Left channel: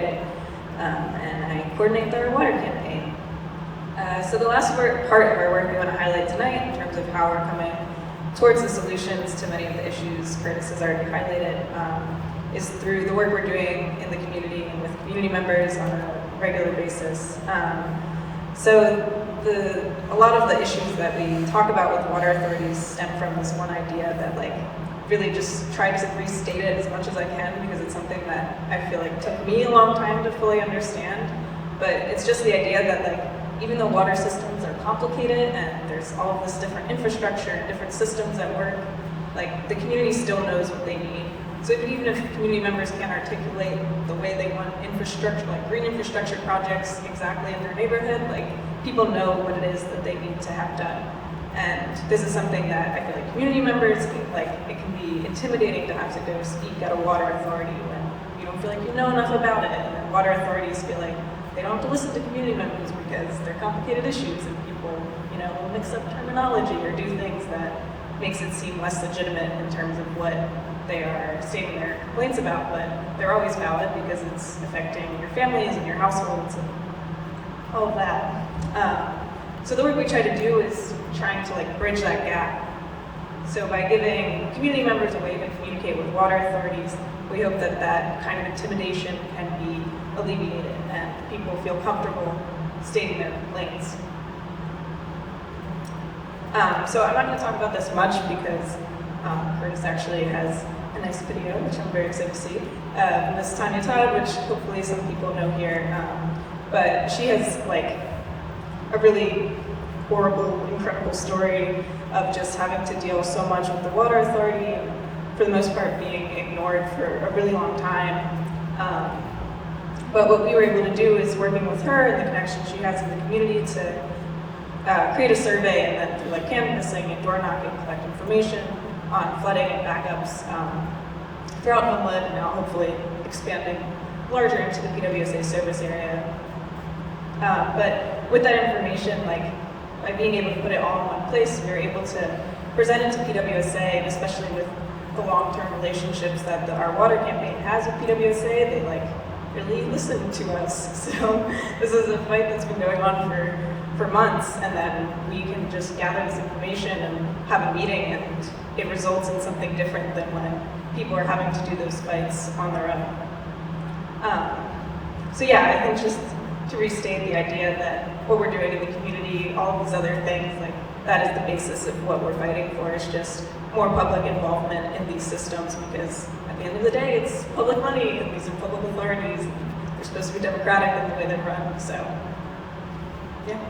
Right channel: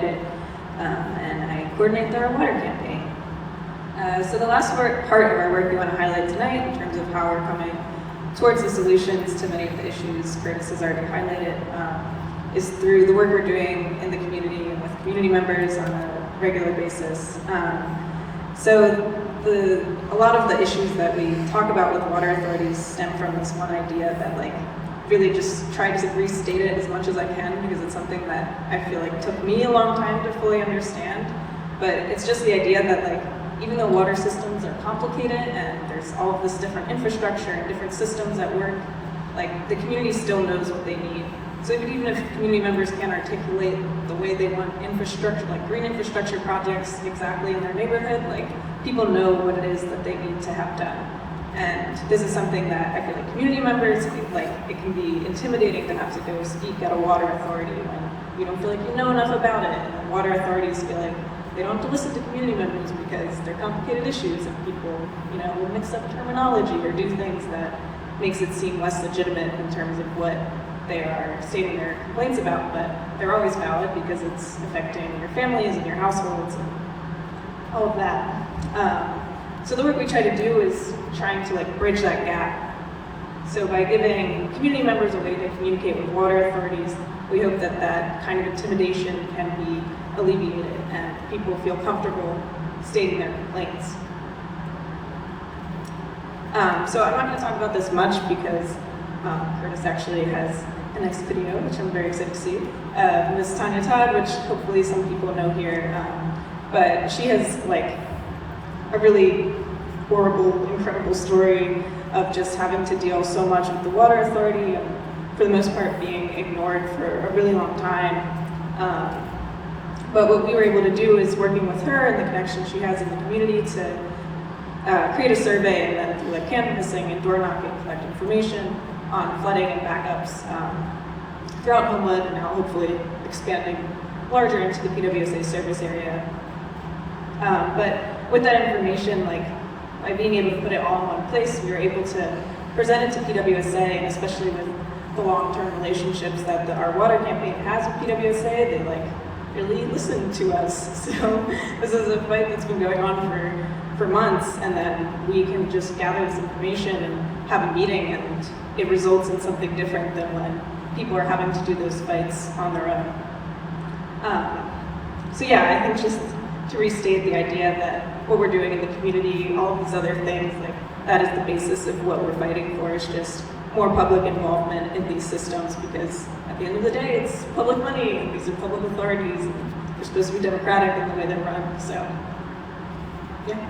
write it, and I coordinate their water campaign. So the last part of our work we want to highlight tonight in terms of how we're coming towards the solutions to many of the issues Curtis has already highlighted is through the work we're doing in the community and with community members on a regular basis. A lot of the issues that we talk about with water authorities stem from this one idea that really just try to restate it as much as I can, because it's something that I feel like took me a long time to fully understand. But it's just the idea that even though water systems are complicated and there's all of this different infrastructure and different systems at work, the community still knows what they need. So even if community members can't articulate the way they want infrastructure, green infrastructure projects exactly in their neighborhood, people know what it is that they need to have done. And this is something that I feel like community members, it can be intimidating to have to go speak at a water authority when you don't feel like you know enough about it. And then water authorities feel like they don't have to listen to community members because they're complicated issues and people, will mix up terminology or do things that makes it seem less legitimate in terms of what they are stating their complaints about, but they're always valid because it's affecting your families and your households and all of that. So the work we try to do is trying to bridge that gap. So by giving community members a way to communicate with water authorities, we hope that that kind of intimidation can be alleviated and people feel comfortable stating their complaints. So I'm not going to talk about this much because Curtis actually has a nice video, which I'm very excited to see. Miss Tanya Todd, which hopefully some people know here, but she has a really horrible, incredible story of just having to deal so much with the water authority and for the most part being ignored for a really long time. But what we were able to do is working with her and the connection she has in the community to create a survey and then through canvassing and door knocking, collect information on flooding and backups throughout Homewood, and now hopefully expanding larger into the PWSA service area. But with that information, by being able to put it all in one place, we were able to present it to PWSA, and especially with the long-term relationships that our water campaign has with PWSA, they really listen to us. So this is a fight that's been going on for months, and then we can just gather this information and have a meeting, and it results in something different than when people are having to do those fights on their own. So yeah, I think just to restate the idea that what we're doing in the community, all of these other things, that is the basis of what we're fighting for, is just more public involvement in these systems, because at the end of the day, it's public money, and these are public authorities, they're supposed to be democratic in the way they're run, so, yeah.